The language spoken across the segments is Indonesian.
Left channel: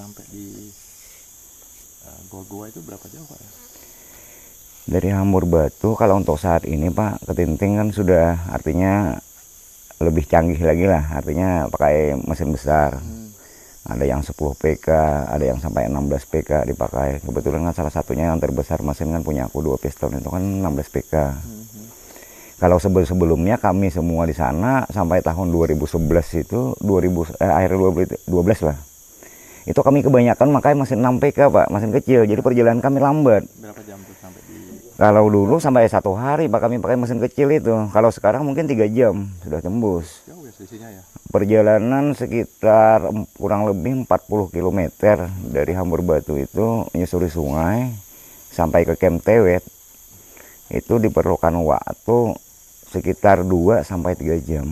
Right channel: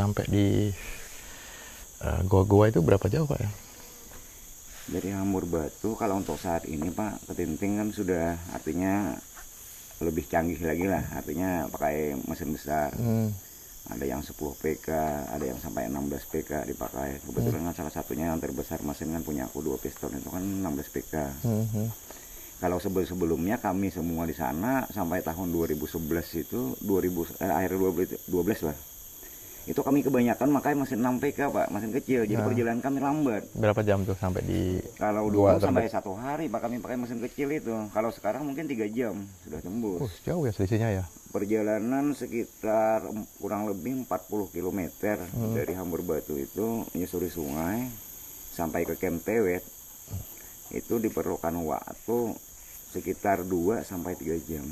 sampai di goa-goa itu berapa jauh Pak ya? Dari Hambur Batu kalau untuk saat ini Pak, ke Tinting kan sudah artinya lebih canggih lagi lah, artinya pakai mesin besar. Ada yang 10 PK, ada yang sampai 16 PK dipakai. Kebetulan kan salah satunya yang terbesar mesin kan punya aku 2 piston itu kan 16 PK. Kalau sebelumnya kami semua di sana sampai tahun 2011 itu akhir 2012 lah. Itu kami kebanyakan makai mesin 6 PK Pak, mesin kecil. Jadi perjalanan kami lambat. Berapa jam tuh sampai di? Kalau dulu sampai 1 hari Pak kami pakai mesin kecil itu. Kalau sekarang mungkin 3 jam sudah tembus. Jauh ya selisihnya ya. Perjalanan sekitar kurang lebih 40 km dari Hambur Batu itu menyusuri sungai sampai ke Camp Tewet. Itu diperlukan waktu sekitar 2 sampai 3 jam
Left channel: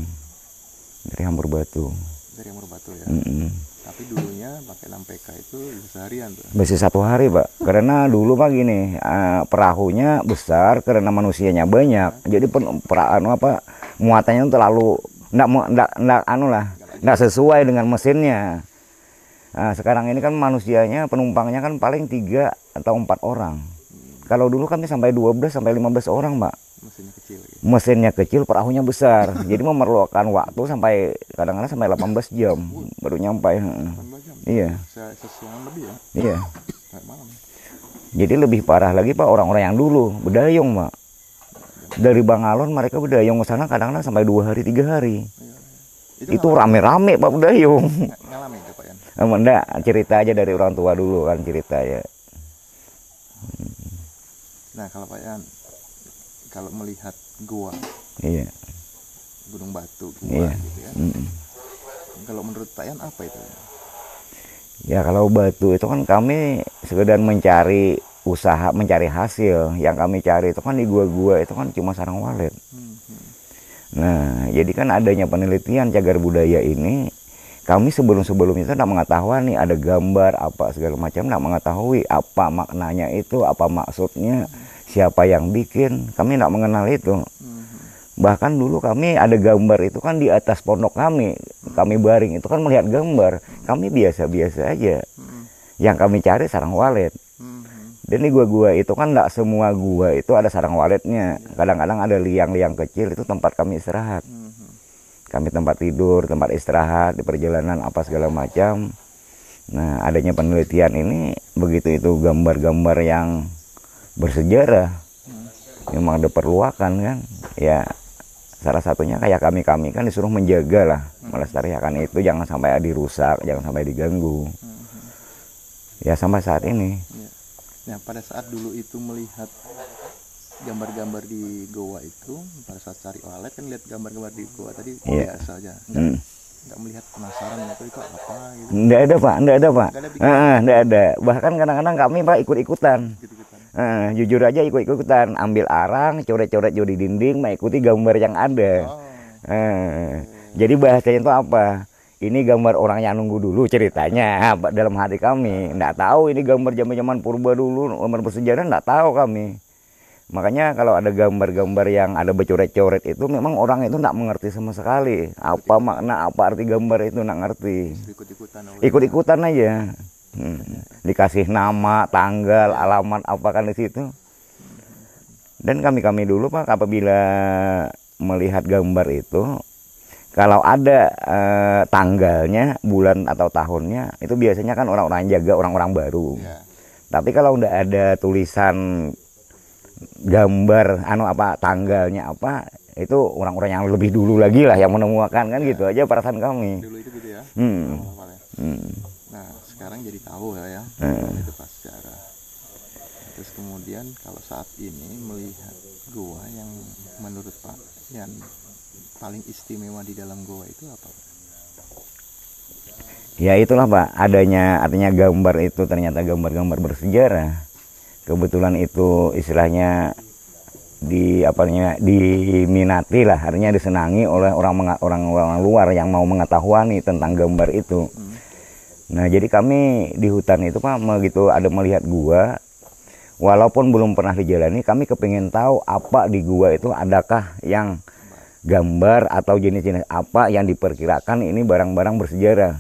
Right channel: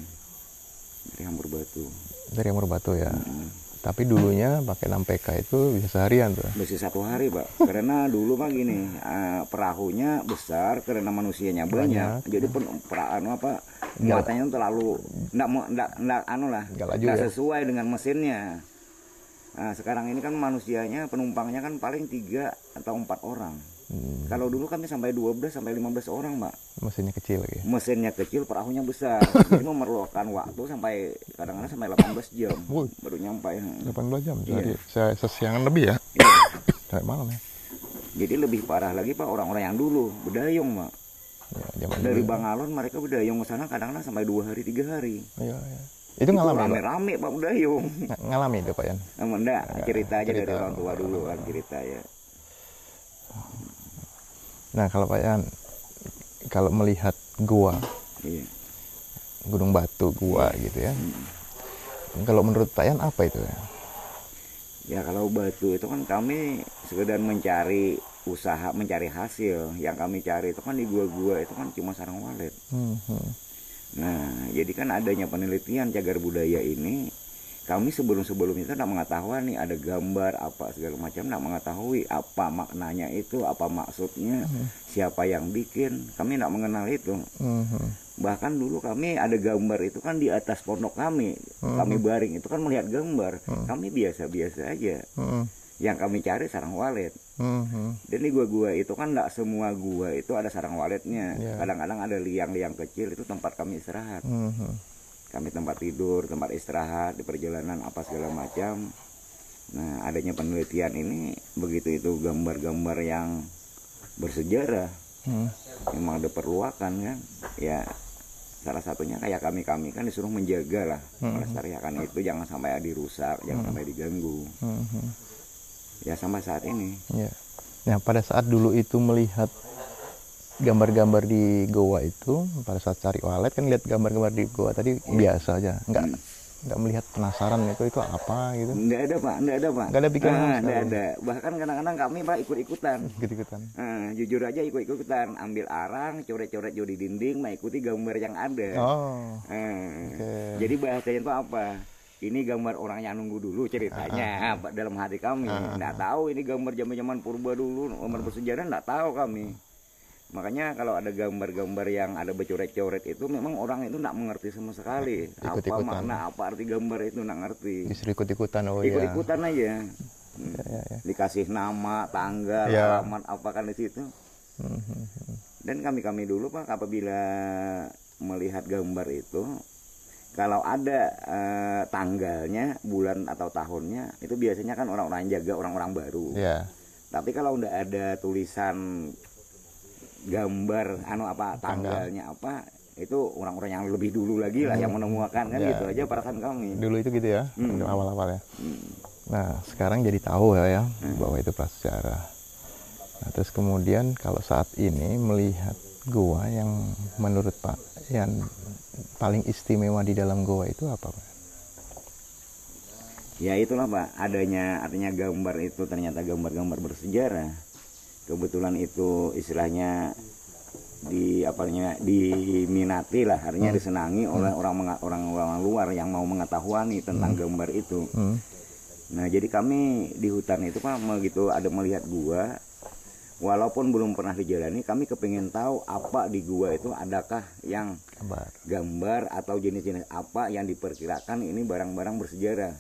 dari Hambur Batu. Dari Hambur Batu ya. Tapi dulunya pakai 6 PK itu bisa seharian tuh. Bisa 1 hari Pak. Karena dulu Pak gini, perahunya besar karena manusianya banyak. Jadi muatannya terlalu enggak sesuai dengan mesinnya. Nah, sekarang ini kan manusianya, penumpangnya kan paling 3 atau 4 orang. Kalau dulu kami sampai 12 sampai 15 orang, Pak. Mesinnya kecil ya. Mesinnya kecil, perahunya besar. Jadi memerlukan waktu sampai kadang-kadang sampai 18 jam baru nyampe. 18 jam. Iya. Sesiangan lebih ya. Iya. Sampai malam ya. Jadi lebih parah lagi Pak orang-orang yang dulu berdayung, Pak. Ya, dari Bangalon mereka berdayung ke sana kadang-kadang sampai 2 hari 3 hari. Iya, iya. Itu rame-rame Pak berdayung. Ngalamin itu Pak Yan? Enggak, cerita aja dari orang tua dulu kan cerita ya. Nah kalau Pak Yan, kalau melihat gua, iya, Gunung Batu gua iya, gitu ya. Kalau menurut Pak Yan apa itu ya? Ya kalau batu itu kan kami sekedar mencari usaha, mencari hasil. Yang kami cari itu kan di gua-gua itu kan cuma sarang walet. Nah jadi kan adanya penelitian cagar budaya ini, kami sebelum-sebelumnya itu tidak mengetahui nih ada gambar apa segala macam, tidak mengetahui apa maknanya itu, apa maksudnya, siapa yang bikin, kami tidak mengenal itu. Bahkan dulu kami ada gambar itu kan di atas pondok kami baring itu kan melihat gambar, kami biasa-biasa aja. Yang kami cari sarang walet. Dan di gua-gua itu kan tidak semua gua itu ada sarang waletnya. Kadang-kadang ada liang-liang kecil itu tempat kami istirahat. Kami tempat tidur, tempat istirahat di perjalanan apa segala macam. Nah adanya penelitian ini, begitu itu gambar-gambar yang bersejarah, memang diperlukan kan. Ya salah satunya kayak kami kan disuruh menjaga lah, melestarikan itu, jangan sampai dirusak, jangan sampai diganggu. Ya sampai saat ini. Nah pada saat dulu itu melihat gambar-gambar di goa itu, pada saat cari walet kan lihat gambar-gambar di goa tadi biasa aja, nggak melihat penasaran itu apa gitu. Nggak ada Pak. Nggak ada pikiran. Nggak ada. Bahkan kadang-kadang kami Pak ikut-ikutan. Jujur aja ikut-ikutan, ambil arang, coret-coret di dinding, mengikuti gambar yang ada. Jadi bahasanya itu apa? Ini gambar orang yang nunggu dulu ceritanya dalam hati kami. Nggak tahu ini gambar zaman-zaman purba dulu, gambar bersejarah nggak tahu kami. Makanya kalau ada gambar-gambar yang ada bercoret-coret itu memang orang itu tidak mengerti sama sekali. Apa makna, apa arti gambar itu nggak ngerti. Ikut-ikutan aja. Dikasih nama, tanggal, alamat apa kan di situ. Dan kami dulu Pak apabila melihat gambar itu, kalau ada tanggalnya, bulan atau tahunnya, itu biasanya kan orang-orang jaga, orang-orang baru. Tapi kalau udah ada tulisan gambar tanggalnya apa, itu orang-orang yang lebih dulu lagi lah yang menemukan kan. Gitu aja perasaan kami dulu itu gitu ya. Awal-awal ya. Nah sekarang jadi tahu ya bahwa itu prasejarah. Nah, terus kemudian kalau saat ini melihat goa yang menurut Pak yang paling istimewa di dalam goa itu apa Pak? Ya itulah Pak, artinya gambar itu ternyata gambar-gambar bersejarah. Kebetulan itu istilahnya diminati lah, artinya disenangi oleh orang luar yang mau mengetahui tentang gambar itu. Nah jadi kami di hutan itu Pak begitu ada melihat gua, walaupun belum pernah dijalani, kami kepingin tahu apa di gua itu adakah yang gambar atau jenis-jenis apa yang diperkirakan ini barang-barang bersejarah.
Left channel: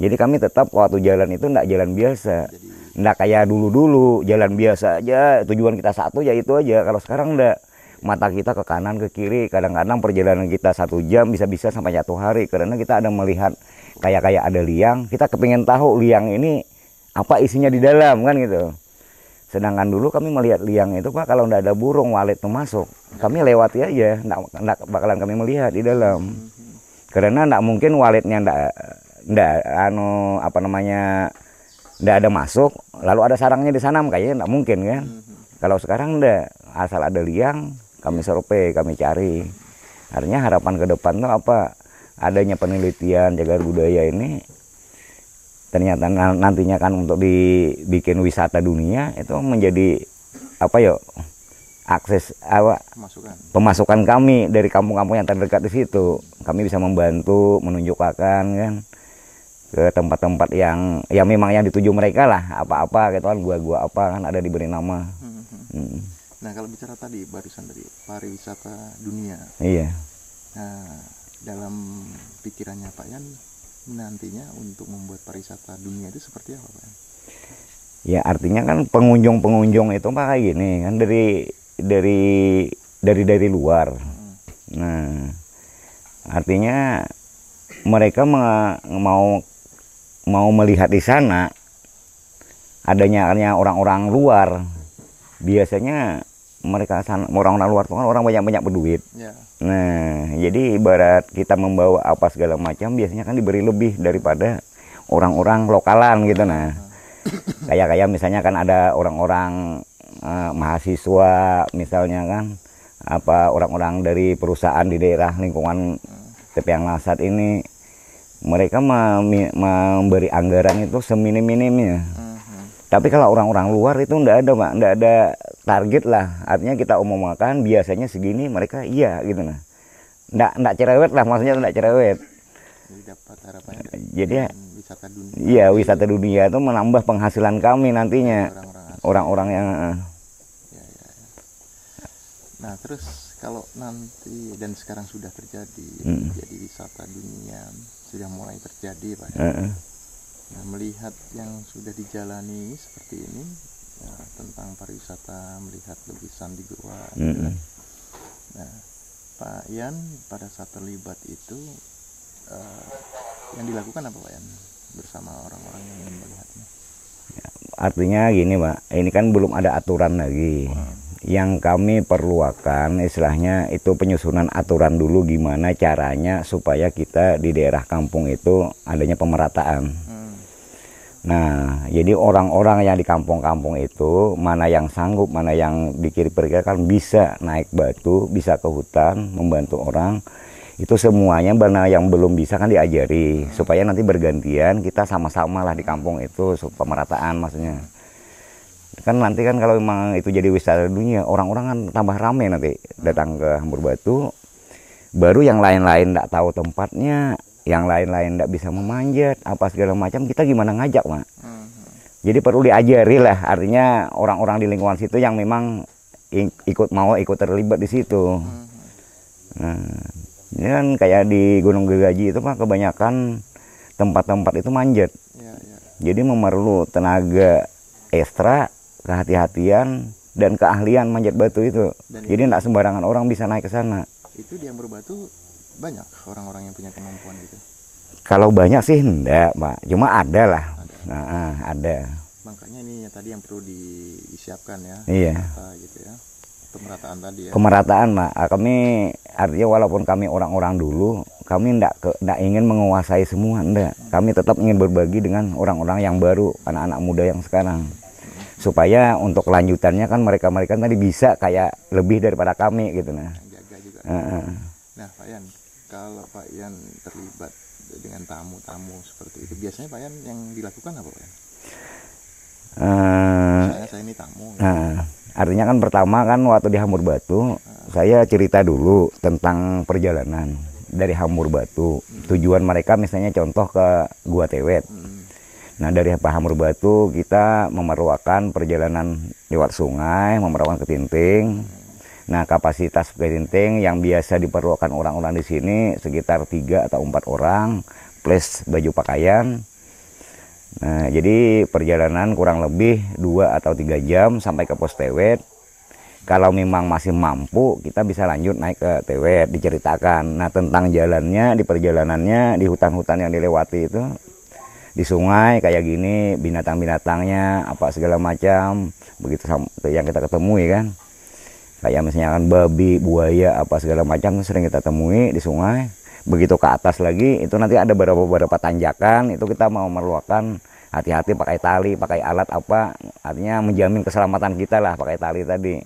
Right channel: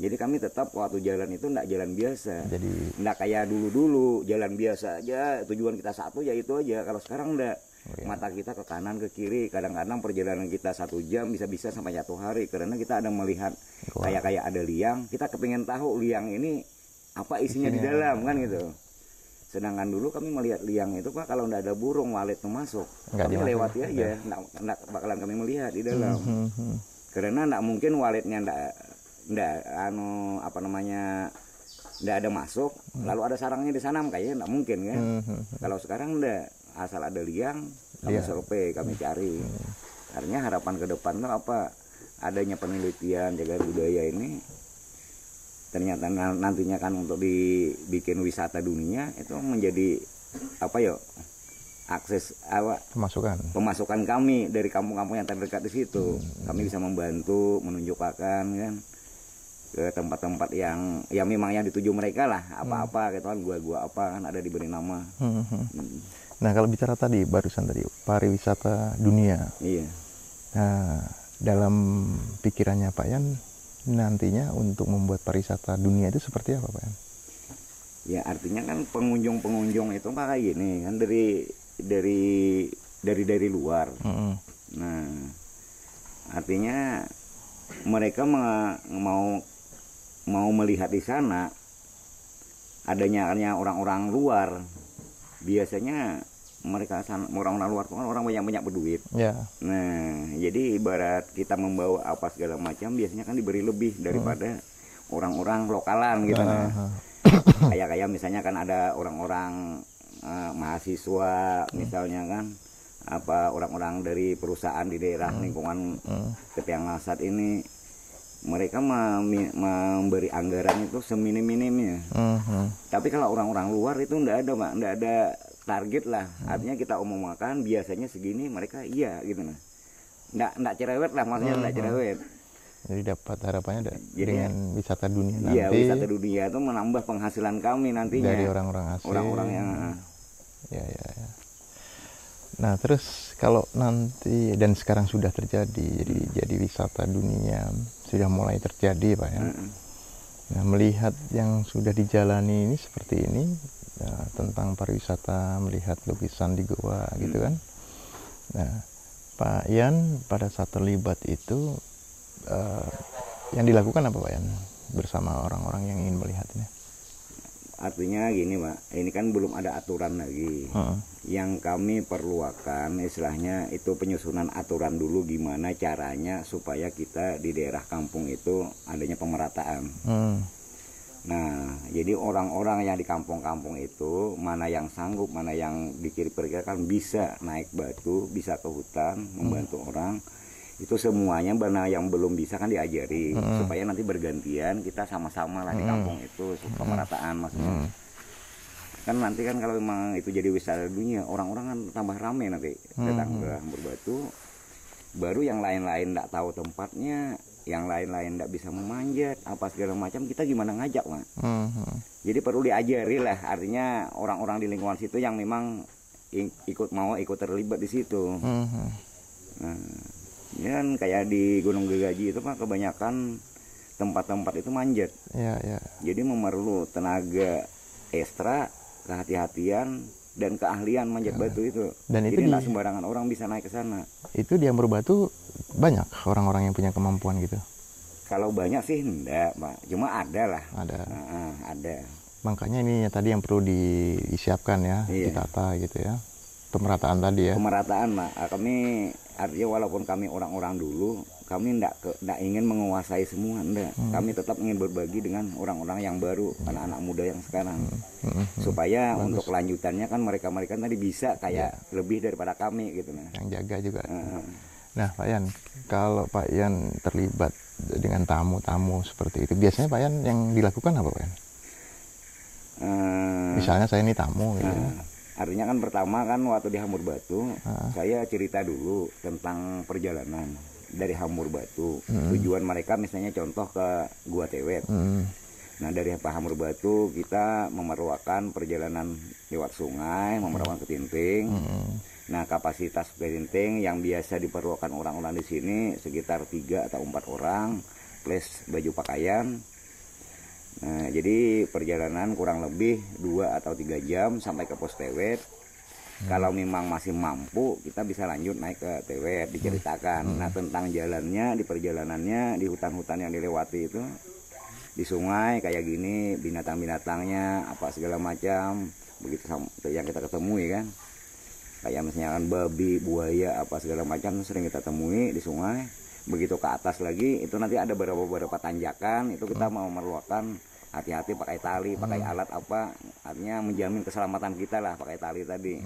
Jadi kami tetap waktu jalan itu enggak jalan biasa. Enggak kayak dulu-dulu jalan biasa aja, tujuan kita satu ya itu aja. Kalau sekarang enggak, mata kita ke kanan ke kiri, kadang-kadang perjalanan kita 1 jam bisa-bisa sampai 1 hari karena kita ada melihat kayak ada liang, kita kepingin tahu liang ini apa isinya di dalam kan gitu. Sedangkan dulu kami melihat liang itu Pak, kalau enggak ada burung walet tuh masuk, kami lewati aja, enggak bakalan kami melihat di dalam. Karena enggak mungkin waletnya enggak apa namanya enggak ada masuk, lalu ada sarangnya di sana, kayaknya enggak mungkin kan. Kalau sekarang enggak, asal ada liang, kami survei, kami cari. Artinya harapan ke depan tuh apa? Adanya penelitian jagar budaya ini ternyata nantinya kan untuk dibikin wisata dunia itu menjadi apa ya, akses apa pemasukan kami dari kampung-kampung yang terdekat di situ. Kami bisa membantu menunjukkan kan ke tempat-tempat yang memang yang dituju mereka lah, apa-apa gitu kan, gua-gua apa kan ada diberi nama. Nah kalau bicara tadi barusan tadi pariwisata dunia, iya. Nah dalam pikirannya Pak Yan nantinya untuk membuat pariwisata dunia itu seperti apa Pak Yan? Ya artinya kan pengunjung itu Pak kayak gini kan dari luar. Nah artinya mereka mau melihat di sana adanya orang-orang luar. Biasanya mereka orang-orang luar tuh kan orang banyak berduit. Nah jadi ibarat kita membawa apa segala macam biasanya kan diberi lebih daripada orang-orang lokalan gitu. Nah kayak misalnya kan ada orang-orang mahasiswa misalnya kan, apa orang-orang dari perusahaan di daerah lingkungan Tepian Lasat ini, mereka memberi anggaran itu seminim-minimnya. Tapi kalau orang-orang luar itu enggak ada Pak, enggak ada target lah. Artinya kita umumkan biasanya segini, mereka iya gitu nah. Enggak cerewet lah, maksudnya enggak cerewet. Jadi dapat harapannya jadi wisata dunia. Iya, wisata dunia itu menambah penghasilan kami nantinya. Orang-orang yang ya. Nah, terus kalau nanti dan sekarang sudah terjadi jadi wisata dunia sudah mulai terjadi Pak ya. Nah, melihat yang sudah dijalani ini seperti ini, tentang pariwisata, melihat lukisan di goa gitu kan. Nah, Pak Yan pada saat terlibat itu yang dilakukan apa Pak Yan bersama orang-orang yang ingin melihatnya? Artinya gini Pak, ini kan belum ada aturan lagi. Yang kami perlukan istilahnya itu penyusunan aturan dulu gimana caranya supaya kita di daerah kampung itu adanya pemerataan. Nah jadi orang-orang yang di kampung-kampung itu mana yang sanggup, mana yang diperkirakan bisa naik batu, bisa ke hutan membantu orang, itu semuanya mana yang belum bisa kan diajari supaya nanti bergantian kita sama-sama lah di kampung itu pemerataan maksudnya. Kan nanti kan kalau memang itu jadi wisata dunia, orang-orang kan tambah ramai nanti datang ke Hambur Batu. Baru yang lain-lain enggak tahu tempatnya, yang lain-lain enggak bisa memanjat, apa segala macam, kita gimana ngajak Pak. Jadi perlu diajari lah, artinya orang-orang di lingkungan situ yang memang ikut terlibat di situ. Nah, ya kan kayak di Gunung Gergaji itu Pak, kebanyakan tempat-tempat itu manjat. Jadi memerlu tenaga ekstra, kehati-hatian dan keahlian manjat batu itu. Jadi enggak sembarangan orang bisa naik ke sana. Itu di Hambur Batu banyak orang-orang yang punya kemampuan gitu. Kalau banyak sih enggak, Pak. Cuma ada lah. Ada. Makanya ini tadi yang perlu disiapkan ya, tata gitu ya. Pemerataan tadi ya. Pemerataan, Pak. Kami artinya walaupun kami orang-orang dulu, kami enggak ingin menguasai semua, enggak. Kami tetap ingin berbagi dengan orang-orang yang baru, anak-anak muda yang sekarang. Supaya untuk kelanjutannya kan mereka tadi bisa kayak lebih daripada kami gitu nah. Yang jaga juga. Nah, Pak Yan, kalau Pak Yan terlibat dengan tamu-tamu seperti itu, biasanya Pak Yan yang dilakukan apa Pak Yan? Misalnya saya ini tamu gitu. Artinya kan pertama kan waktu di Hambur Batu, saya cerita dulu tentang perjalanan dari Hambur Batu. Tujuan mereka misalnya contoh ke Gua Tewet. Nah dari Pak Hamur Batu kita memerlukan perjalanan lewat sungai, memerlukan ketinting. Nah kapasitas ketinting yang biasa diperlukan orang-orang di sini sekitar 3 atau 4 orang plus baju pakaian. Nah jadi perjalanan kurang lebih 2 atau 3 jam sampai ke pos Tewet. Kalau memang masih mampu kita bisa lanjut naik ke Tewet, diceritakan. Nah tentang jalannya, di perjalanannya, di hutan-hutan yang dilewati itu, di sungai kayak gini, binatang-binatangnya apa segala macam, begitu yang kita ketemui kan, kayak misalnya kan babi, buaya apa segala macam sering kita temui di sungai. Begitu ke atas lagi itu nanti ada beberapa tanjakan, itu kita mau memerlukan hati-hati pakai tali, pakai alat apa, artinya menjamin keselamatan kita lah pakai tali tadi.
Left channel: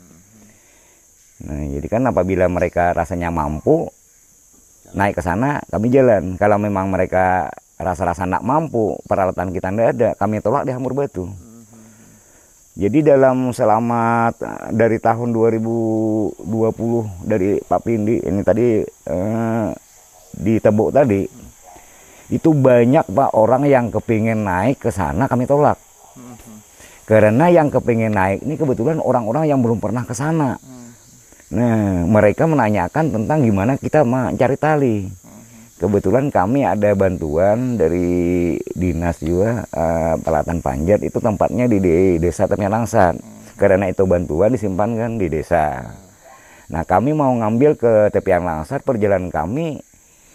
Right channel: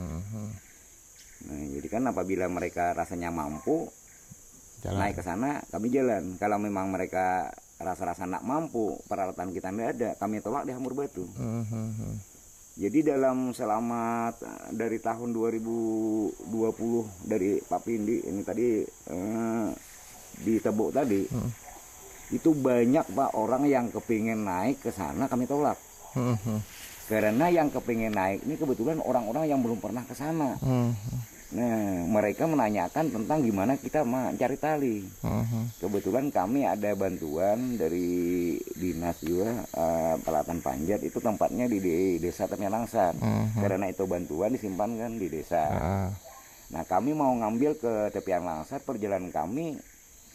Nah jadi kan apabila mereka rasanya mampu naik ke sana, kami jalan. Kalau memang mereka rasa-rasa nak mampu, peralatan kita tidak ada, kami tolak di Hamur Batu. Jadi dalam selama dari tahun 2020 dari Pak Pindi ini tadi di Tebuk tadi, itu banyak Pak orang yang kepingin naik ke sana kami tolak. Karena yang kepingin naik ini kebetulan orang-orang yang belum pernah ke sana. Nah, mereka menanyakan tentang gimana kita mencari tali. Kebetulan kami ada bantuan dari dinas juga, Peralatan Panjat itu tempatnya di desa Tepian Langsat. Karena itu bantuan disimpan kan di desa. Nah, kami mau ngambil ke Tepian Langsat, perjalanan kami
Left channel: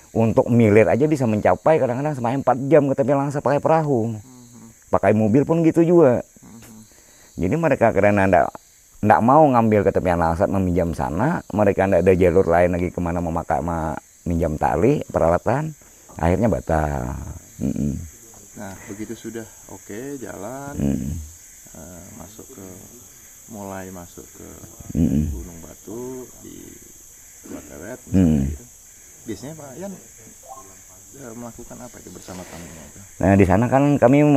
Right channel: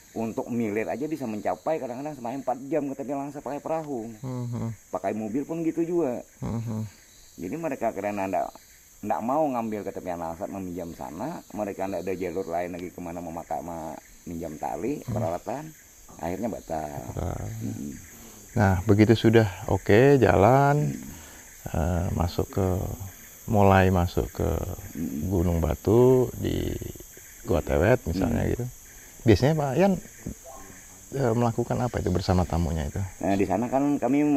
untuk milir aja bisa mencapai kadang-kadang sampai 4 jam ke Tepian Langsat pakai perahu. Pakai mobil pun gitu juga. Jadi mereka karena nggak mau ngambil ke Tepian Langsat meminjam sana, mereka nggak ada jalur lain lagi kemana memakai minjam tali peralatan, akhirnya batal. Nah begitu sudah oke, jalan, mulai masuk ke Gunung Batu di Gua Tewet misalnya gitu. Biasanya Pak Yan melakukan apa itu bersama tamunya itu? Nah di sana kan kami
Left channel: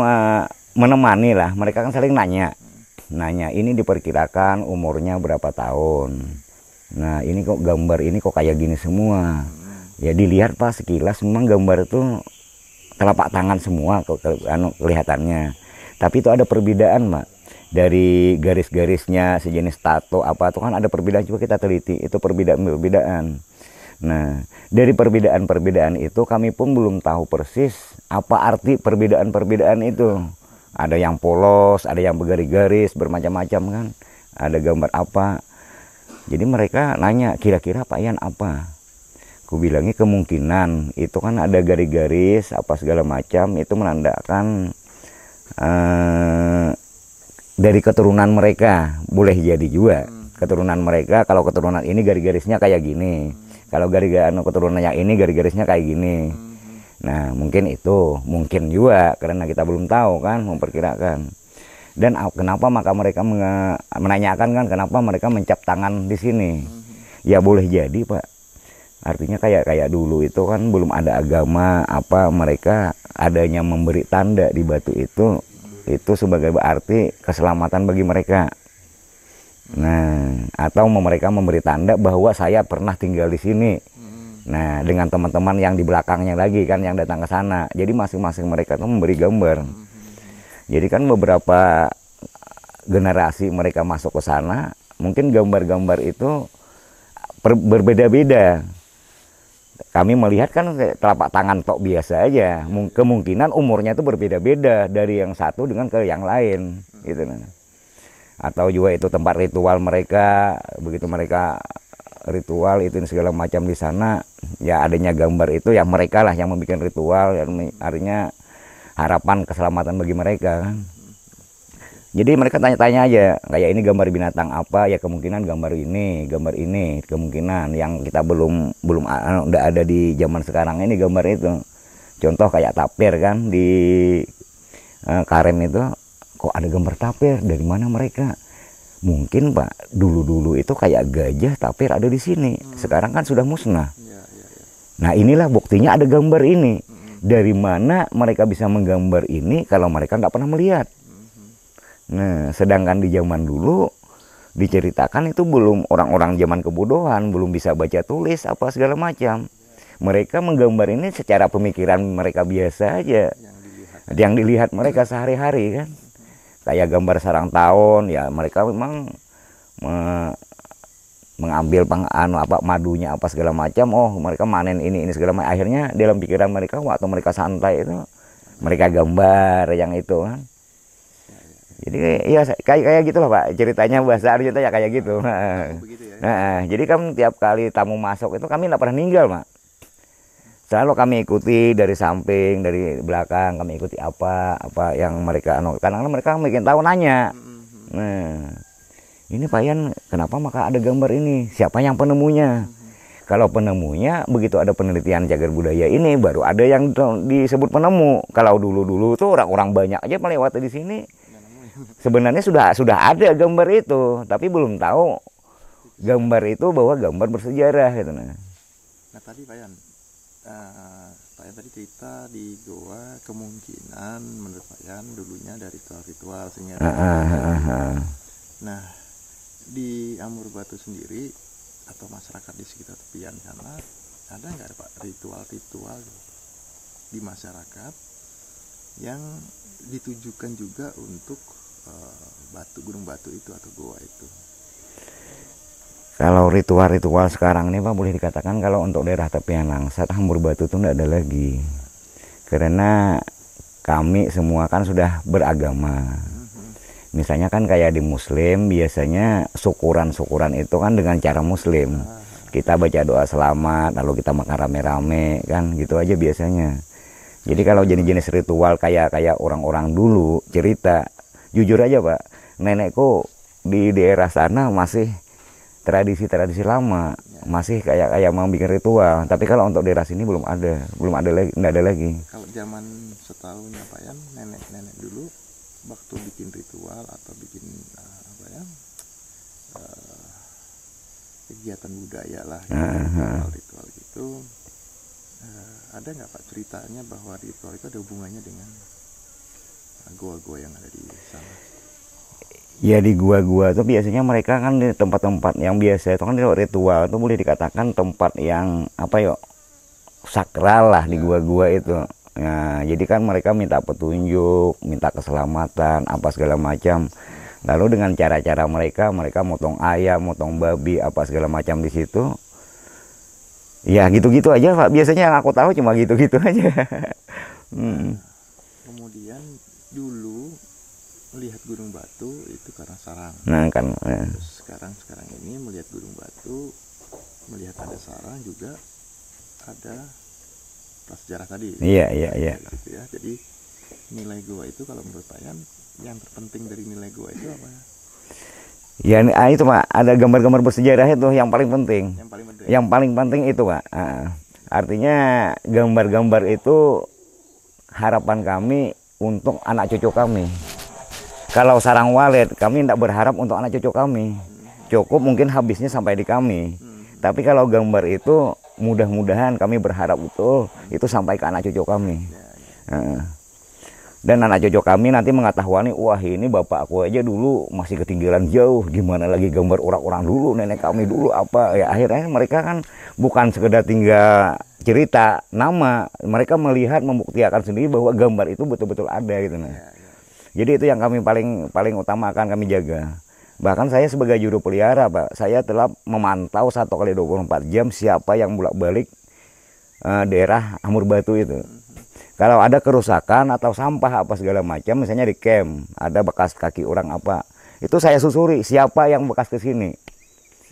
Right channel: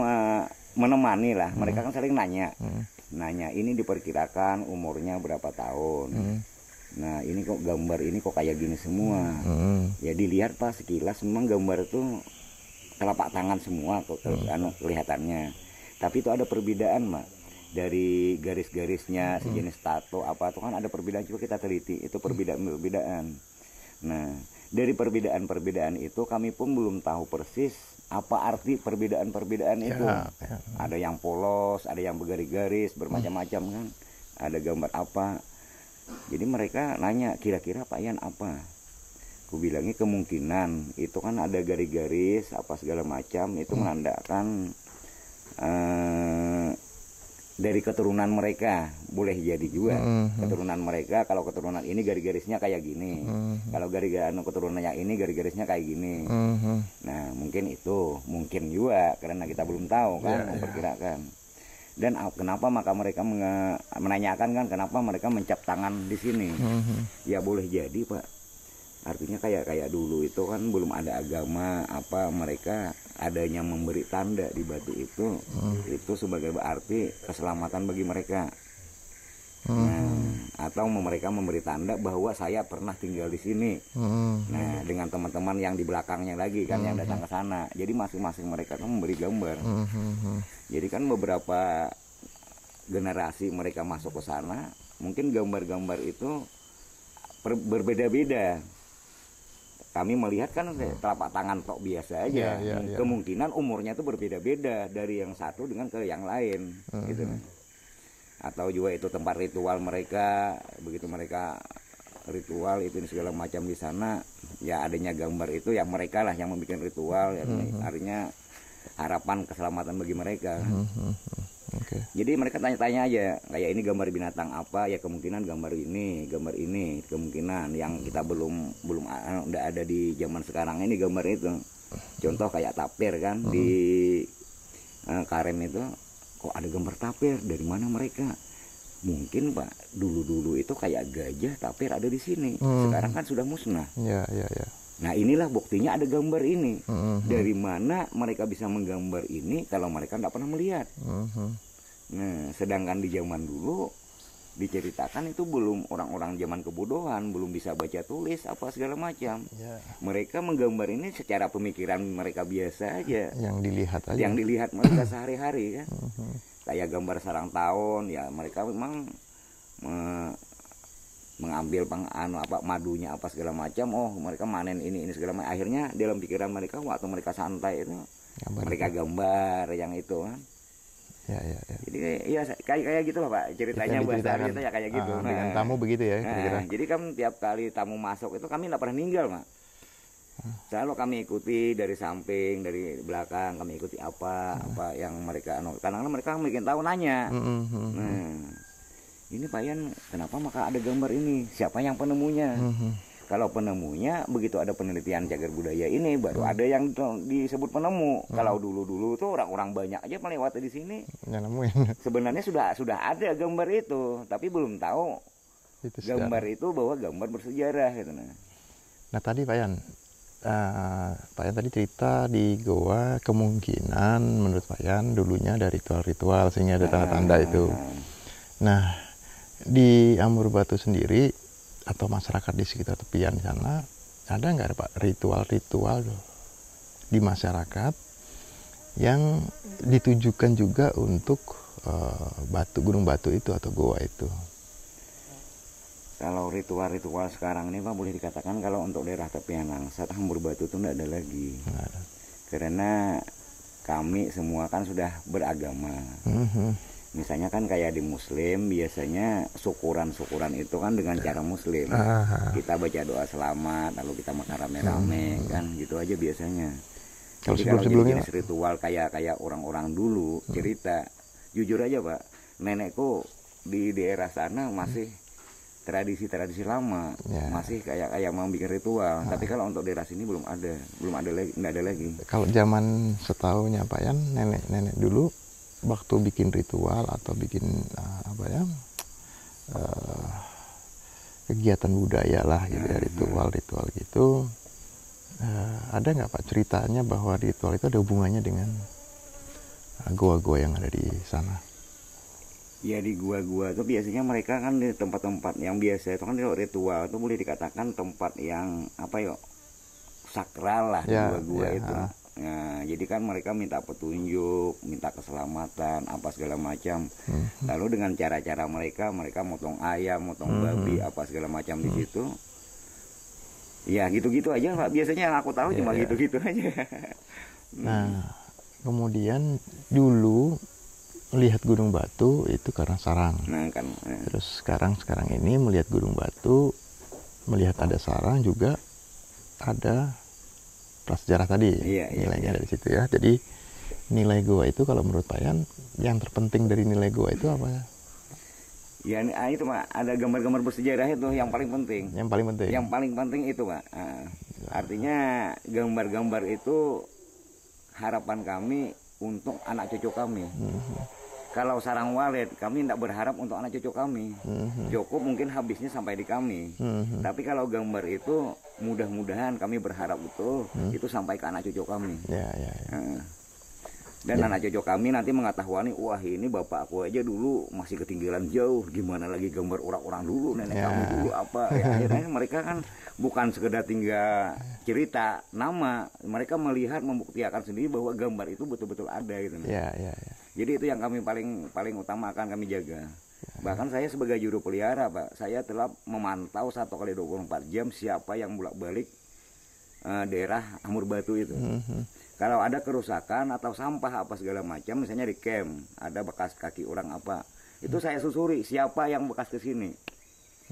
menemani lah, mereka kan saling nanya. Nanya ini diperkirakan umurnya berapa tahun. Nah ini kok gambar ini kok kayak gini semua. Ya dilihat Pak sekilas memang gambar itu telapak tangan semua kelihatannya. Tapi itu ada perbedaan Pak. Dari garis-garisnya sejenis tato apa itu kan ada perbedaan, juga kita teliti itu perbedaan-perbedaan. Nah dari perbedaan-perbedaan itu kami pun belum tahu persis apa arti perbedaan-perbedaan itu. Ada yang polos, ada yang bergaris-garis, bermacam-macam kan. Ada gambar apa. Jadi mereka nanya, kira-kira Pak Yan apa? Aku bilangnya kemungkinan itu kan ada garis-garis apa segala macam, itu menandakan dari keturunan mereka. Boleh jadi juga keturunan mereka, kalau keturunan ini garis-garisnya kayak gini. Kalau garis-garis keturunan yang ini garis-garisnya kayak gini. Nah mungkin itu, mungkin juga karena kita belum tahu kan, memperkirakan. Dan kenapa maka mereka menanyakan kan kenapa mereka mencap tangan di sini. Ya boleh jadi Pak, artinya kayak dulu itu kan belum ada agama apa, mereka adanya memberi tanda di batu itu sebagai berarti keselamatan bagi mereka. Nah, atau mereka memberi tanda bahwa saya pernah tinggal di sini. Nah, dengan teman-teman yang di belakangnya lagi kan yang datang ke sana. Jadi masing-masing mereka tuh memberi gambar. Jadi kan beberapa generasi mereka masuk ke sana, mungkin gambar-gambar itu berbeda-beda. Kami melihat kan telapak tangan tok biasa aja. Kemungkinan umurnya itu berbeda-beda dari yang satu dengan ke yang lain, gitu. Atau juga itu tempat ritual mereka, begitu mereka ritual itu segala macam di sana, ya adanya gambar itu ya mereka lah yang membuat ritual, ya, artinya harapan keselamatan bagi mereka. Jadi mereka tanya-tanya aja, kayak ini gambar binatang apa, ya kemungkinan gambar ini, kemungkinan yang kita belum udah ada di zaman sekarang ini gambar itu. Contoh kayak tapir kan di Karem itu, kok ada gambar tapir, dari mana mereka? Mungkin Pak, dulu-dulu itu kayak gajah tapir ada di sini. Sekarang kan sudah musnah. Nah inilah buktinya ada gambar ini. Dari mana mereka bisa menggambar ini kalau mereka nggak pernah melihat? Nah sedangkan di zaman dulu diceritakan itu belum orang-orang zaman kebodohan, belum bisa baca tulis apa segala macam. Mereka menggambar ini secara pemikiran mereka biasa aja. Yang dilihat mereka sehari-hari kan. Kayak gambar sarang tawon, ya mereka memang mengambil madunya apa segala macam. Oh, mereka manen ini segala macam. Akhirnya dalam pikiran mereka waktu mereka santai itu mereka gambar yang itu kan. Jadi ya kayak gitulah Pak ceritanya bahasa Arjuna ya kayak gitu. Kamu begitu ya. Jadi kan tiap kali tamu masuk itu kami tidak pernah ninggal Pak. Selalu kami ikuti dari samping, dari belakang kami ikuti apa yang mereka karena mereka bikin tahu nanya. Nah, ini Pak Yan kenapa maka ada gambar ini? Siapa yang penemunya? Kalau penemunya begitu ada penelitian cagar budaya ini baru ada yang disebut penemu. Kalau dulu tuh orang-orang banyak aja melewati di sini. Sebenarnya sudah ada gambar itu, tapi belum tahu gambar itu bahwa gambar bersejarah gitu. Nah tadi Pak Yan tadi cerita di Goa kemungkinan menurut Pak Yan dulunya ada ritual-ritual sehingga ada tanda itu. Nah di Amurbatu sendiri atau masyarakat di sekitar tepian sana ada nggak Pak ritual-ritual di masyarakat yang ditujukan juga untuk gunung batu itu atau goa itu? Kalau ritual-ritual sekarang ini Pak boleh dikatakan kalau untuk daerah tepian Langsat Amurbatu itu tidak ada lagi. Karena kami semua kan sudah beragama. Misalnya kan kayak di Muslim biasanya syukuran itu kan dengan cara Muslim. Kita baca doa selamat lalu kita makan rame-rame kan gitu aja biasanya. Jadi kalau jadi jenis ritual kayak orang-orang dulu cerita, jujur aja Pak, nenekku di daerah sana masih tradisi lama, masih kayak mau bikin ritual. Tapi kalau untuk daerah sini belum ada lagi, nggak ada lagi. Kalau zaman setahunya Pak Yan, nenek dulu waktu bikin ritual atau bikin kegiatan budaya lah gitu, ritual gitu, ada nggak Pak ceritanya bahwa ritual itu ada hubungannya dengan goa-goa yang ada di sana? Ya di gua-gua itu biasanya mereka kan di tempat-tempat yang biasa itu kan ritual itu boleh dikatakan tempat yang sakral lah di gua-gua itu. Nah, jadi kan mereka minta petunjuk, minta keselamatan, apa segala macam. Lalu dengan cara-cara mereka motong ayam, motong babi, apa segala macam di situ. Ya gitu-gitu aja Pak. Biasanya yang aku tahu cuma gitu-gitu aja. Nah, kemudian dulu melihat Gunung Batu itu karena sarang. Nah kan. Terus sekarang ini melihat Gunung Batu, melihat ada sarang juga ada prasejarah tadi. Iya. Dari situ ya. Jadi nilai goa itu kalau menurut Pak Yan yang terpenting dari nilai goa itu apa? Ya itu Pak, ada gambar-gambar bersejarah itu yang paling penting. Yang paling penting itu Pak. Artinya gambar-gambar itu harapan kami untuk anak cucu kami. Kalau sarang walet kami tidak berharap untuk anak cucu kami. Cukup mungkin habisnya sampai di kami. Tapi kalau gambar itu mudah-mudahan kami berharap betul itu sampai ke anak cucu kami. Dan anak cucu kami nanti mengetahui, wah ini bapak aku aja dulu masih ketinggalan jauh, gimana lagi gambar orang-orang dulu, nenek kami dulu apa. Ya akhirnya mereka kan bukan sekedar tinggal cerita nama, mereka melihat membuktikan sendiri bahwa gambar itu betul-betul ada gitu. Jadi itu yang kami paling utamakan kami jaga. Bahkan saya sebagai juru pelihara Pak, saya telah memantau 1 kali 24 jam siapa yang bolak-balik daerah Amurbatu itu. Kalau ada kerusakan atau sampah apa segala macam, misalnya di camp ada bekas kaki orang apa, itu saya susuri siapa yang bekas ke sini.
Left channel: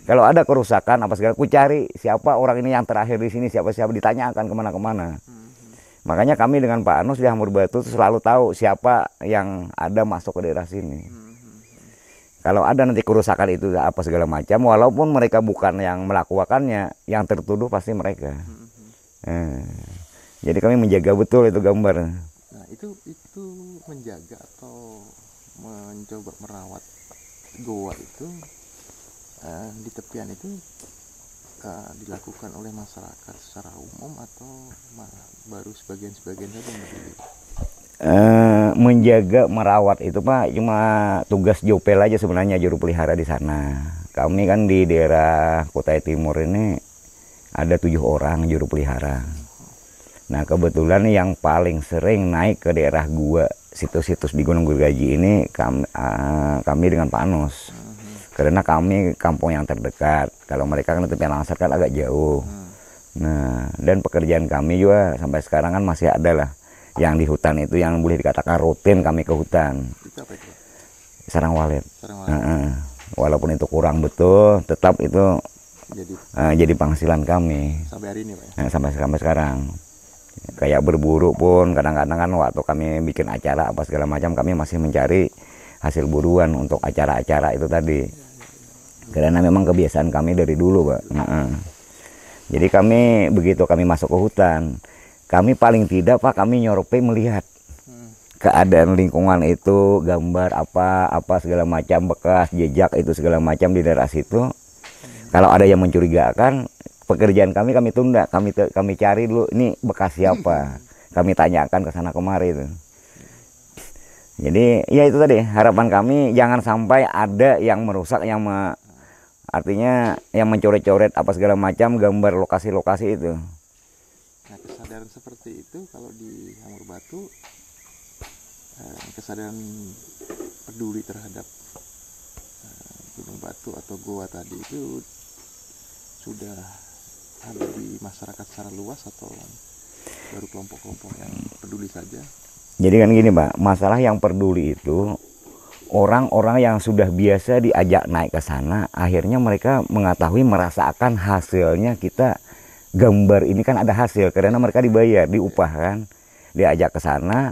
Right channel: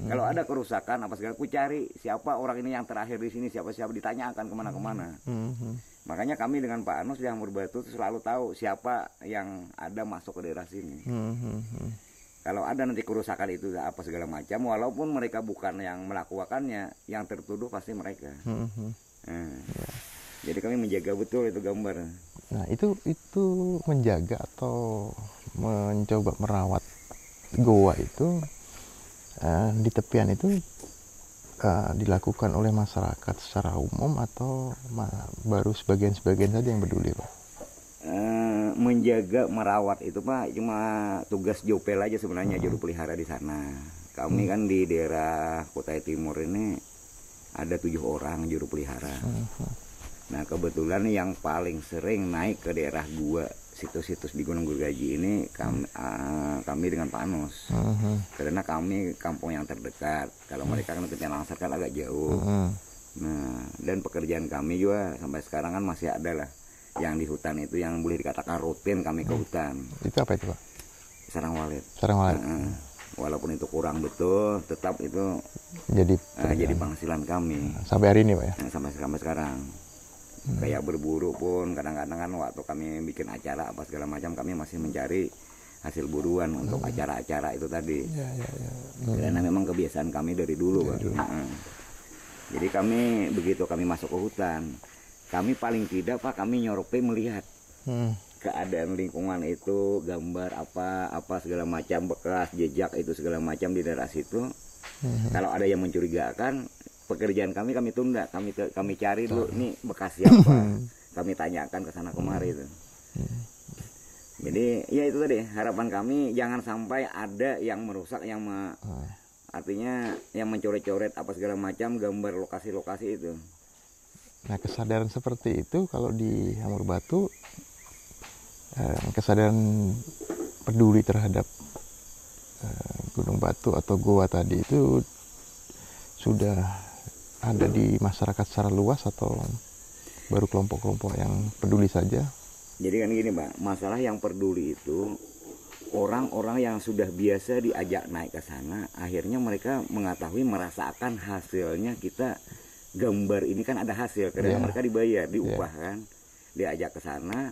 Kalau ada kerusakan apa segala, aku cari siapa orang ini yang terakhir di sini, siapa ditanyakan kemana-kemana. Makanya kami dengan Pak Anus di Amurbatu selalu tahu siapa yang ada masuk ke daerah sini. Kalau ada nanti kerusakan itu apa segala macam, walaupun mereka bukan yang melakukannya, yang tertuduh pasti mereka. Jadi kami menjaga betul itu gambar. Nah itu menjaga atau mencoba merawat goa itu di tepian itu dilakukan oleh masyarakat secara umum atau baru sebagian saja yang peduli Pak? menjaga, merawat itu Pak cuma tugas Jopel aja sebenarnya, juru pelihara di sana. Kami kan di daerah Kutai Timur ini ada 7 orang juru pelihara. Nah kebetulan yang paling sering naik ke daerah gua, situs-situs di Gunung Gergaji ini kami dengan Pak Anus. Karena kami kampung yang terdekat. Kalau mereka kan Tepian Langsat kan agak jauh. Nah dan pekerjaan kami juga sampai sekarang kan masih ada lah. Yang di hutan itu yang boleh dikatakan rutin kami ke hutan. Itu apa itu Pak? Sarang walet. Sarang walet. Walaupun itu kurang betul, tetap itu jadi penghasilan kami. Sampai hari ini Pak ya? Sampai sekarang. Kayak berburu pun kadang-kadang kan waktu kami bikin acara apa segala macam, kami masih mencari hasil buruan untuk acara-acara itu tadi. Karena memang kebiasaan kami dari dulu Pak. Jadi kami begitu kami masuk ke hutan, kami paling tidak Pak kami nyorope melihat keadaan lingkungan itu, gambar apa segala macam, bekas jejak itu segala macam di daerah situ. Kalau ada yang mencurigakan, pekerjaan kami tunda, kami cari dulu ini bekas siapa. Kami tanyakan ke sana kemari itu. Jadi ya itu tadi harapan kami, jangan sampai ada yang merusak, artinya yang mencoret-coret apa segala macam gambar lokasi-lokasi itu. Nah kesadaran seperti itu kalau di Hamur Batu, kesadaran peduli terhadap Gunung Batu atau goa tadi itu sudah ada di masyarakat secara luas atau baru kelompok-kelompok yang peduli saja? Jadi kan gini Pak, masalah yang peduli itu orang-orang yang sudah biasa diajak naik ke sana, akhirnya mereka mengetahui, merasakan hasilnya. Kita gambar ini kan ada hasil karena mereka dibayar, diupah kan, diajak ke sana.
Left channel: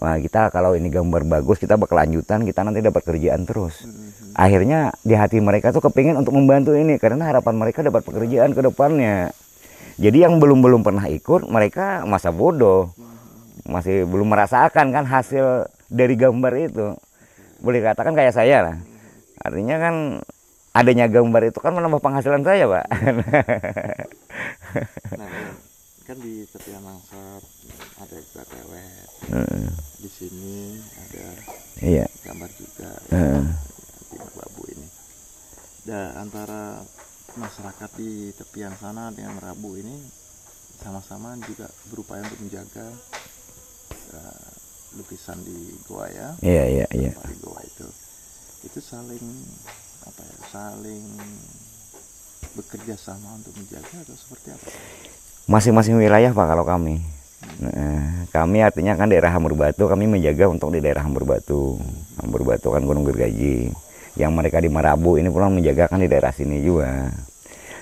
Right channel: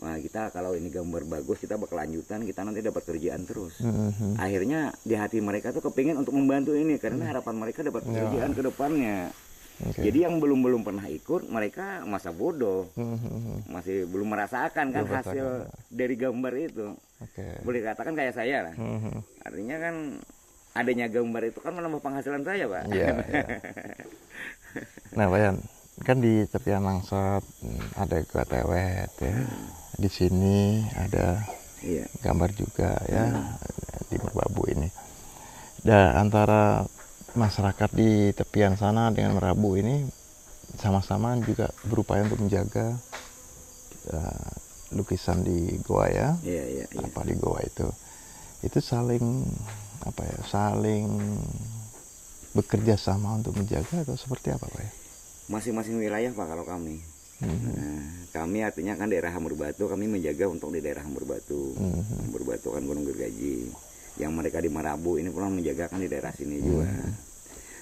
Nah kita kalau ini gambar bagus, kita berkelanjutan, kita nanti dapat kerjaan terus. Akhirnya di hati mereka tuh kepingin untuk membantu ini karena harapan mereka dapat pekerjaan ke depannya. Jadi yang belum pernah ikut, mereka masa bodoh, masih belum merasakan kan hasil dari gambar itu. Boleh katakan kayak saya lah. Artinya kan adanya gambar itu kan menambah penghasilan saya Pak. Nah Pak Yan, kan di Tepian Langsat ada gua tewet ya. Di sini ada gambar juga ya, di Merbabu ini. Dan antara masyarakat di tepian sana dengan Merabu ini sama-sama juga berupaya untuk menjaga lukisan di goa ya. Apa di goa itu saling saling bekerja sama untuk menjaga atau seperti apa Pak? Masing-masing wilayah Pak kalau kami. Kami artinya kan daerah Hamur Batu, kami menjaga untuk di daerah Hamur Batu. Hamur Batu kan Gunung Gergaji. Yang mereka di Merabu ini pulang menjaga kan di daerah sini juga.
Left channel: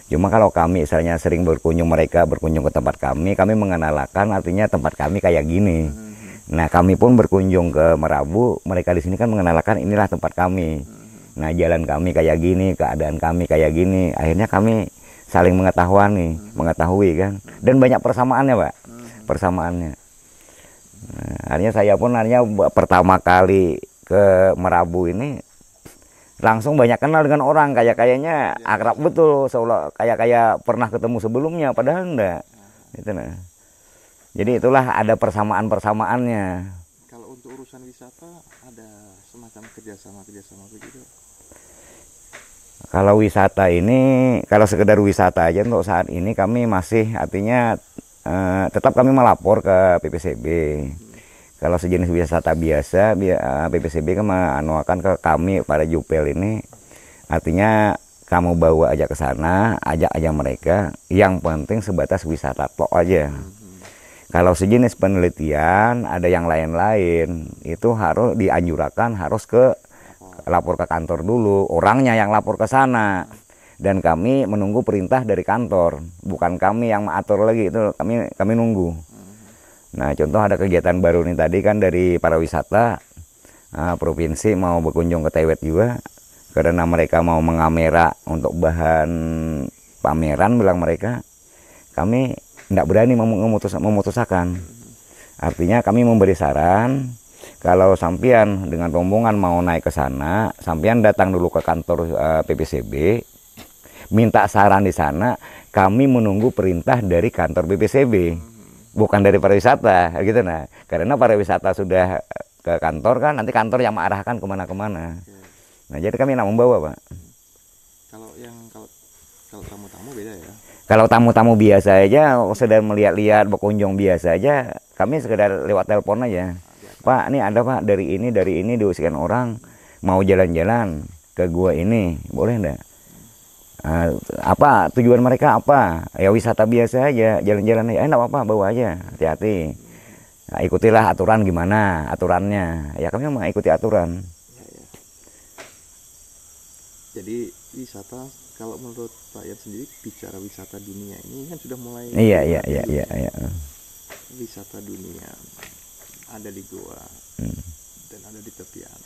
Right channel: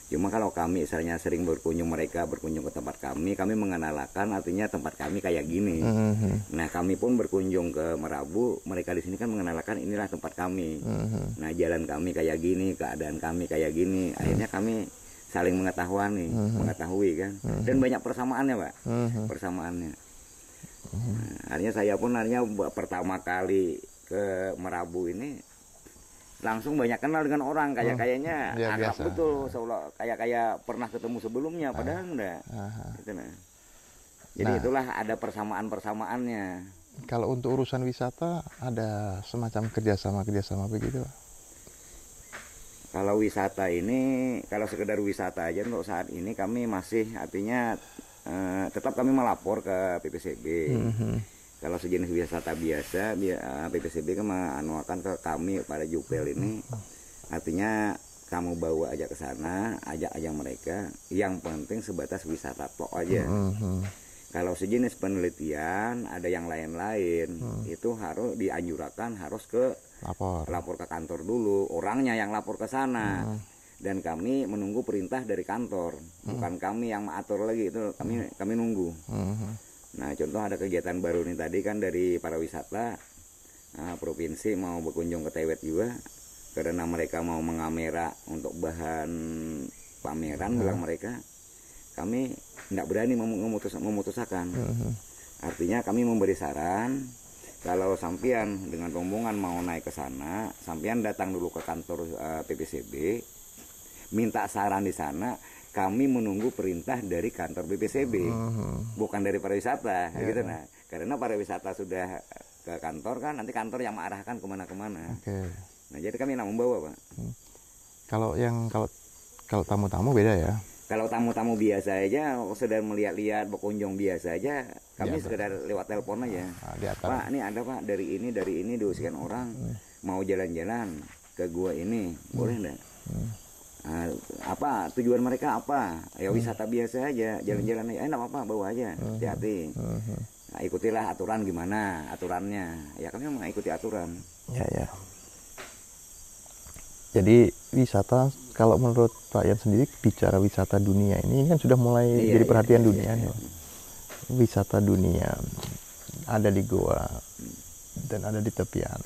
Cuma kalau kami misalnya sering berkunjung ke tempat kami mengenalkan artinya tempat kami kayak gini. Nah kami pun berkunjung ke Merabu, mereka di sini kan mengenalkan inilah tempat kami. Nah jalan kami kayak gini, keadaan kami kayak gini. Akhirnya kami saling mengetahui kan. Dan banyak persamaannya Pak, persamaannya. Nah, akhirnya saya pun pertama kali ke Merabu ini langsung banyak kenal dengan orang, kayaknya akrab biasa. Betul, seolah kayak pernah ketemu sebelumnya, padahal enggak. Itu nah. Jadi itulah ada persamaan-persamaannya. Kalau untuk urusan wisata ada semacam kerjasama begitu? Kalau wisata ini, kalau sekedar wisata aja untuk saat ini kami masih artinya tetap kami melapor ke PPCB. Kalau sejenis wisata biasa, PPCB kan menganuakan ke kami para jupel ini, artinya kamu bawa aja ke sana, ajak aja mereka, yang penting sebatas wisata tok aja. Kalau sejenis penelitian, ada yang lain-lain, itu harus dianjurkan, harus lapor ke kantor dulu, orangnya yang lapor ke sana. Dan kami menunggu perintah dari kantor, bukan kami yang mengatur lagi, itu kami nunggu. Nah contoh ada kegiatan baru nih tadi kan dari para wisata provinsi mau berkunjung ke Tewet juga, karena mereka mau mengamera untuk bahan pameran, bilang mereka, kami tidak berani memutuskan. Artinya kami memberi saran, kalau sampian dengan rombongan mau naik ke sana, sampian datang dulu ke kantor PPCB, minta saran di sana, kami menunggu perintah dari kantor PPCB. bukan dari pariwisata gitu. Nah, karena pariwisata sudah ke kantor kan, nanti kantor yang mengarahkan kemana-kemana. Nah, jadi kami yang membawa, Pak. Kalau tamu-tamu beda ya. Kalau tamu-tamu biasa aja, sedang melihat-lihat, berkunjung biasa aja, kami sekedar lewat telepon aja. Pak, ini ada Pak dari ini diusikan orang mau jalan-jalan ke gua ini, boleh enggak? Apa tujuan mereka apa? Ya wisata biasa aja, jalan-jalan aja. Enggak apa-apa, bawa aja, hati-hati. Nah, ikutilah aturan gimana aturannya. Ya kami mengikuti aturan. Ya. Jadi wisata, kalau menurut Pak Yan sendiri bicara wisata dunia ini kan sudah mulai jadi perhatian dunia. Iya. Wisata dunia ada di goa dan ada di tepian.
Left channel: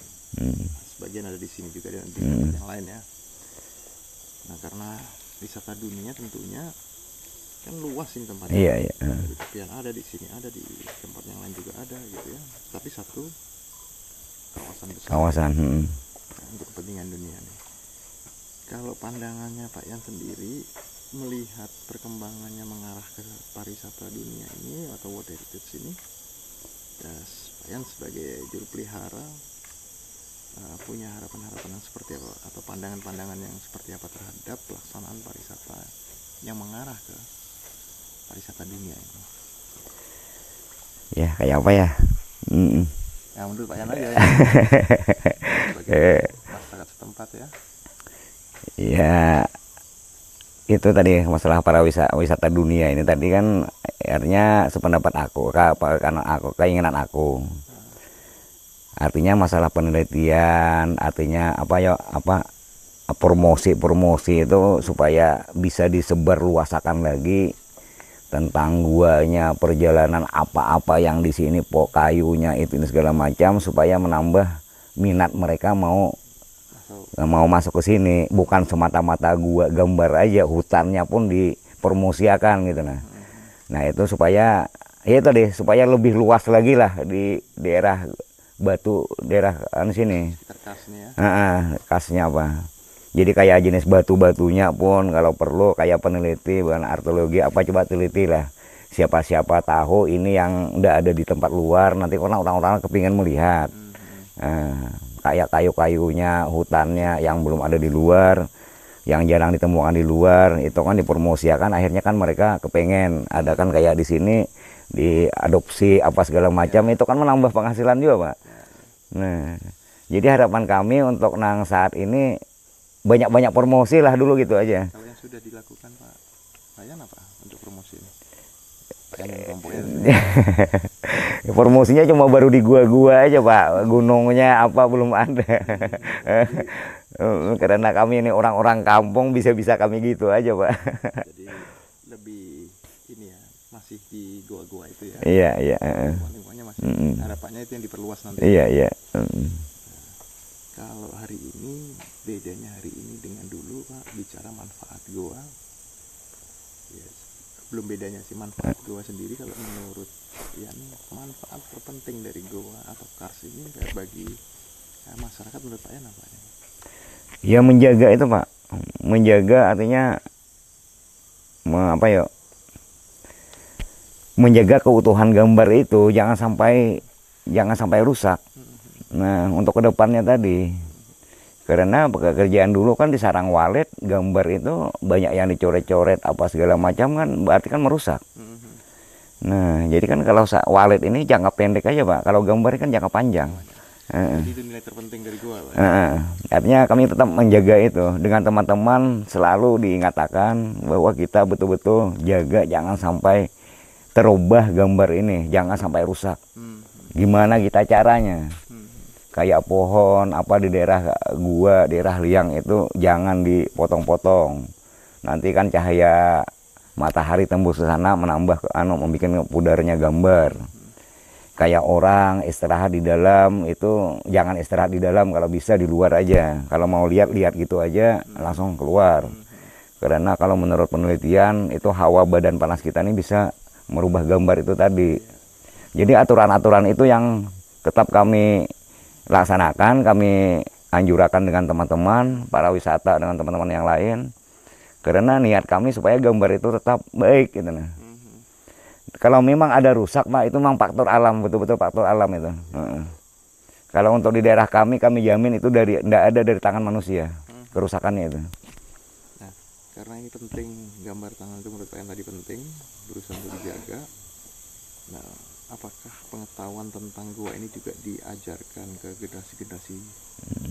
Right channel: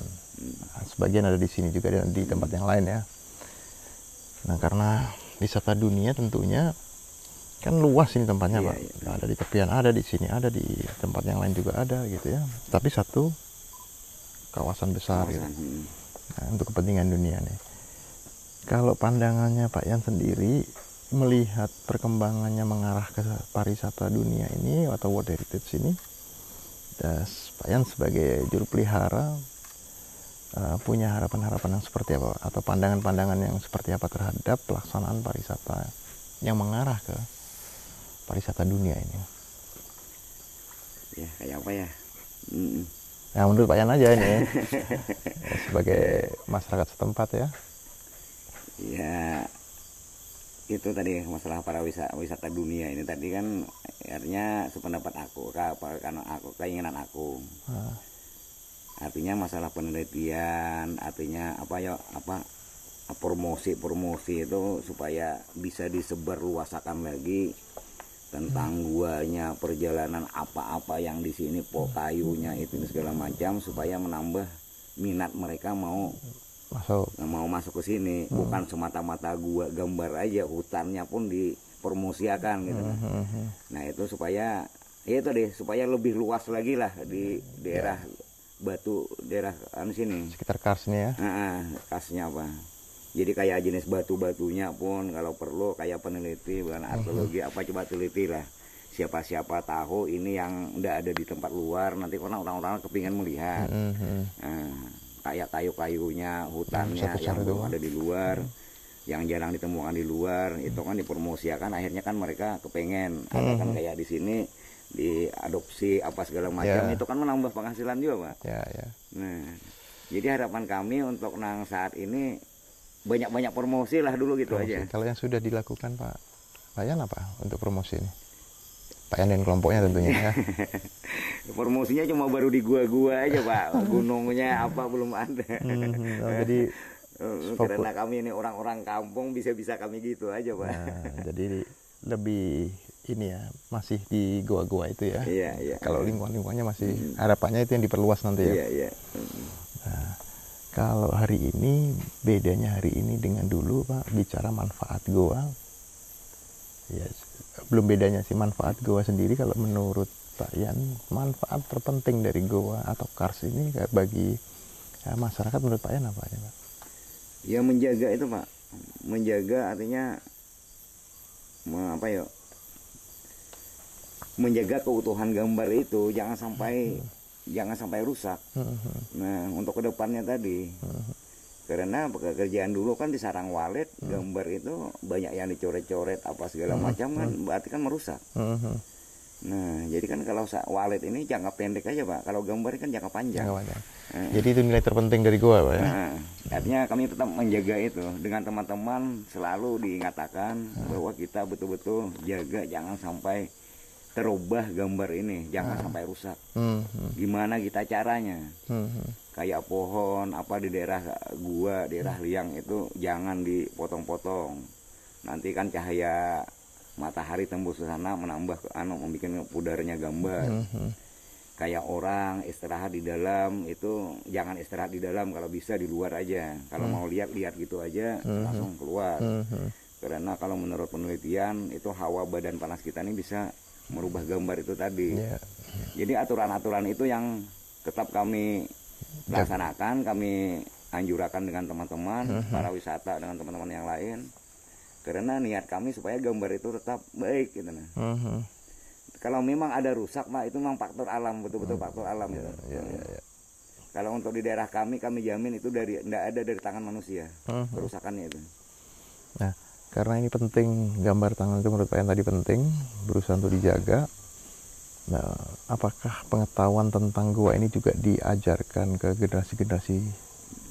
Sebagian ada di sini juga dan di tempat yang lain ya. Nah, karena wisata dunia tentunya kan luas ini tempatnya. Ada di tepian, ada di sini, ada di tempat yang lain juga ada gitu ya. Tapi satu kawasan besar. Nah, untuk kepentingan dunia nih. Kalau pandangannya Pak Yan sendiri melihat perkembangannya mengarah ke pariwisata dunia ini atau World Heritage ini, Pak Yan sebagai juru pelihara punya harapan-harapan yang seperti apa atau pandangan-pandangan yang seperti apa terhadap pelaksanaan pariwisata yang mengarah ke pariwisata dunia ini? Ya kayak apa ya? Ya menurut Pak Yan aja ini ya. Sebagai masyarakat setempat ya. Ya itu tadi masalah para wisata dunia ini tadi kan artinya sependapat aku karena keinginan aku. Artinya masalah penelitian, artinya promosi itu supaya bisa disebar luasakan lagi tentang guanya, perjalanan apa-apa yang di sini, kayunya itu ini segala macam supaya menambah minat mereka mau masuk ke sini. Bukan semata-mata gua gambar aja, hutannya pun dipromosikan gitu. Nah itu supaya supaya lebih luas lagi lah di daerah Batu, daerah sini sekitar Kars nih ya. Karsnya apa, jadi kayak jenis batu-batunya pun kalau perlu kayak peneliti bukan arkeologi apa coba teliti lah, siapa tahu ini yang udah ada di tempat luar, nanti orang-orang kepingin melihat. Kayak kayu-kayunya, hutannya yang belum ada di luar, yang jarang ditemukan di luar, itu kan dipromosikan, akhirnya kan mereka kepengen ada kan kayak di sini diadopsi apa segala macam, itu kan menambah penghasilan juga Pak. Nah jadi harapan kami untuk saat ini banyak-banyak promosi lah dulu gitu aja. Kalau yang sudah dilakukan Pak Yan apa untuk promosi ini? Pak Yan dan kelompoknya tentunya. Promosinya cuma baru di gua-gua aja Pak, gunungnya apa belum ada. Karena kami ini orang-orang kampung bisa kami gitu aja Pak. Jadi lebih ini ya, masih di gua-gua itu ya. Iya. Lingkungannya masih harapannya itu yang diperluas nanti ya. Iya. Nah, kalau hari ini bedanya hari ini dengan dulu Pak, bicara manfaat goa. Ya, belum bedanya sih manfaat goa sendiri kalau menurut Pak Yan, manfaat terpenting dari goa atau Kars ini bagi masyarakat menurut Pak Yan apa ya Pak? Ya menjaga itu Pak, menjaga artinya menjaga keutuhan gambar itu jangan sampai rusak. Nah untuk kedepannya tadi, karena pekerjaan dulu kan di sarang walet gambar itu banyak yang dicoret-coret apa segala macam kan, berarti kan merusak. Nah jadi kan kalau walet ini jangka pendek aja Pak, kalau gambar kan jangka panjang. Jadi itu nilai terpenting dari gua Pak. Artinya kami tetap menjaga itu dengan teman-teman, selalu diingatkan bahwa kita betul-betul jaga jangan sampai terubah gambar ini, jangan sampai rusak. Gimana kita caranya? Kayak pohon apa di daerah gua, daerah liang itu jangan dipotong-potong. Nanti kan cahaya matahari tembus ke sana menambah membuat pudarnya gambar. Kayak orang istirahat di dalam itu jangan istirahat di dalam, kalau bisa di luar aja. Kalau mau lihat gitu aja langsung keluar. Karena kalau menurut penelitian itu hawa badan panas kita ini bisa merubah gambar itu tadi. Jadi aturan-aturan itu yang tetap kami laksanakan, kami anjurkan dengan teman-teman para wisata dengan teman-teman yang lain. Karena niat kami supaya gambar itu tetap baik gitu nah. Kalau memang ada rusak Pak, itu memang faktor alam, betul-betul faktor alam itu. Kalau untuk di daerah kami jamin itu tidak ada dari tangan manusia kerusakannya itu. Nah, karena ini penting, gambar tangan itu menurut Pak Yan tadi penting, berusaha untuk dijaga. Nah, apakah pengetahuan tentang gua ini juga diajarkan ke generasi-generasi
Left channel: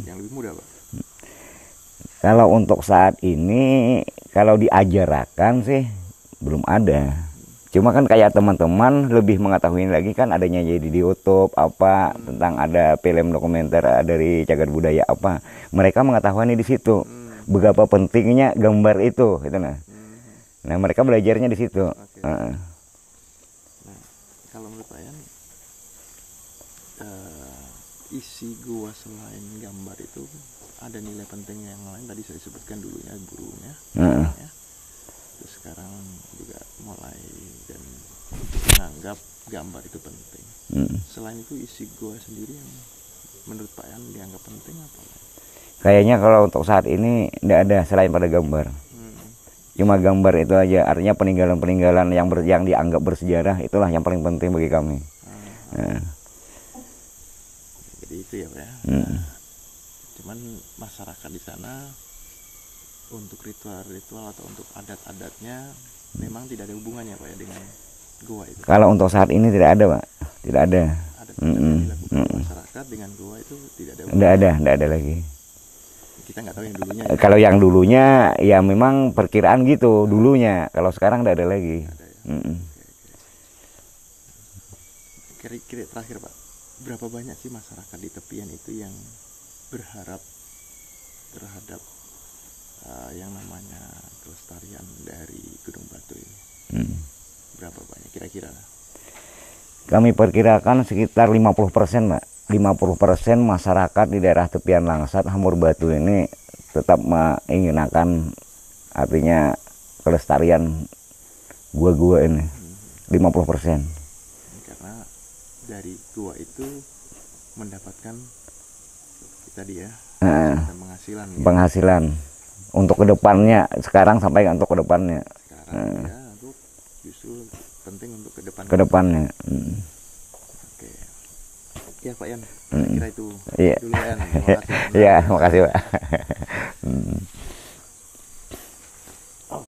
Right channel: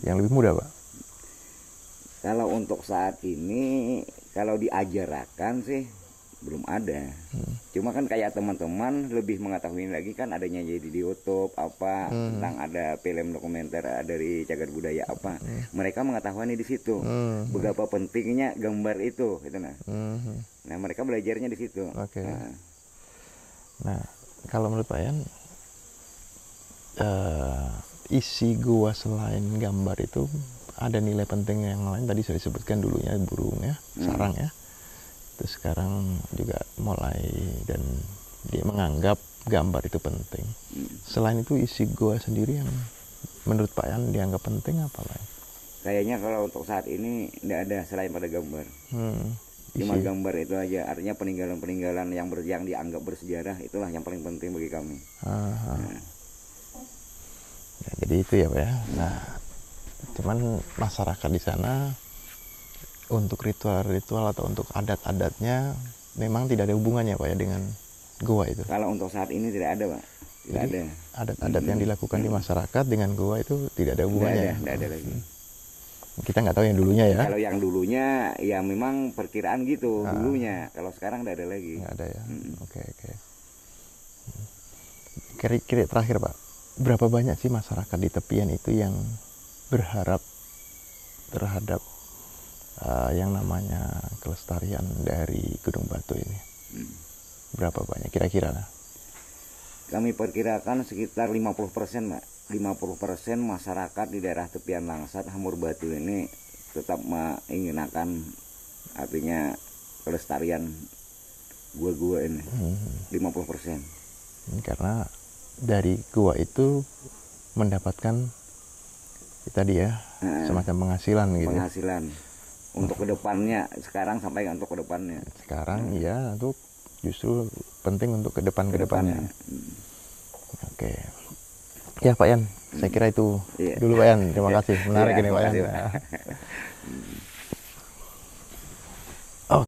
yang lebih muda, Pak? Kalau untuk saat ini, kalau diajarkan sih belum ada. Cuma kan kayak teman-teman lebih mengetahui lagi kan adanya jadi di YouTube apa tentang ada film dokumenter dari cagar budaya apa. Mereka mengetahui di situ betapa pentingnya gambar itu gitu nah. Nah, mereka belajarnya di situ. Nah, kalau menurut Pak Yan, isi gua selain gambar itu ada nilai penting yang lain. Tadi saya sebutkan dulunya burung ya, sarang ya. Terus sekarang juga mulai dan menganggap gambar itu penting. Selain itu isi gua sendiri yang menurut Pak Yan dianggap penting apa lain? Kayaknya kalau untuk saat ini tidak ada selain pada gambar. Cuma gambar itu aja, artinya peninggalan-peninggalan yang dianggap bersejarah itulah yang paling penting bagi kami. Ya, jadi itu ya Pak ya. Nah, cuman masyarakat di sana untuk ritual-ritual atau untuk adat-adatnya memang tidak ada hubungannya Pak ya dengan gua itu. Kalau untuk saat ini tidak ada Pak, tidak ada. Adat-adat yang dilakukan di masyarakat dengan gua itu tidak ada hubungannya. Tidak ada lagi. Kita nggak tahu yang dulunya ya. Kalau yang dulunya ya memang perkiraan gitu dulunya. Kalau sekarang tidak ada lagi. Nggak ada ya. Oke. Kira-kira terakhir Pak, berapa banyak sih masyarakat di tepian itu yang berharap terhadap yang namanya kelestarian dari Gunung Batu ini? Berapa banyak kira-kira lah? Kami perkirakan sekitar 50% Pak. 50% masyarakat di daerah tepian Langsat Hamur Batu ini tetap menginginkan artinya kelestarian gua-gua ini. 50%. Karena dari gua itu mendapatkan tadi ya semacam penghasilan gitu. Penghasilan untuk kedepannya sekarang sampai untuk kedepannya. Sekarang ya untuk justru penting untuk kedepannya. Oke. Ya Pak Yan, saya kira itu dulu Pak Yan. Terima kasih. Iya, terima kasih Pak.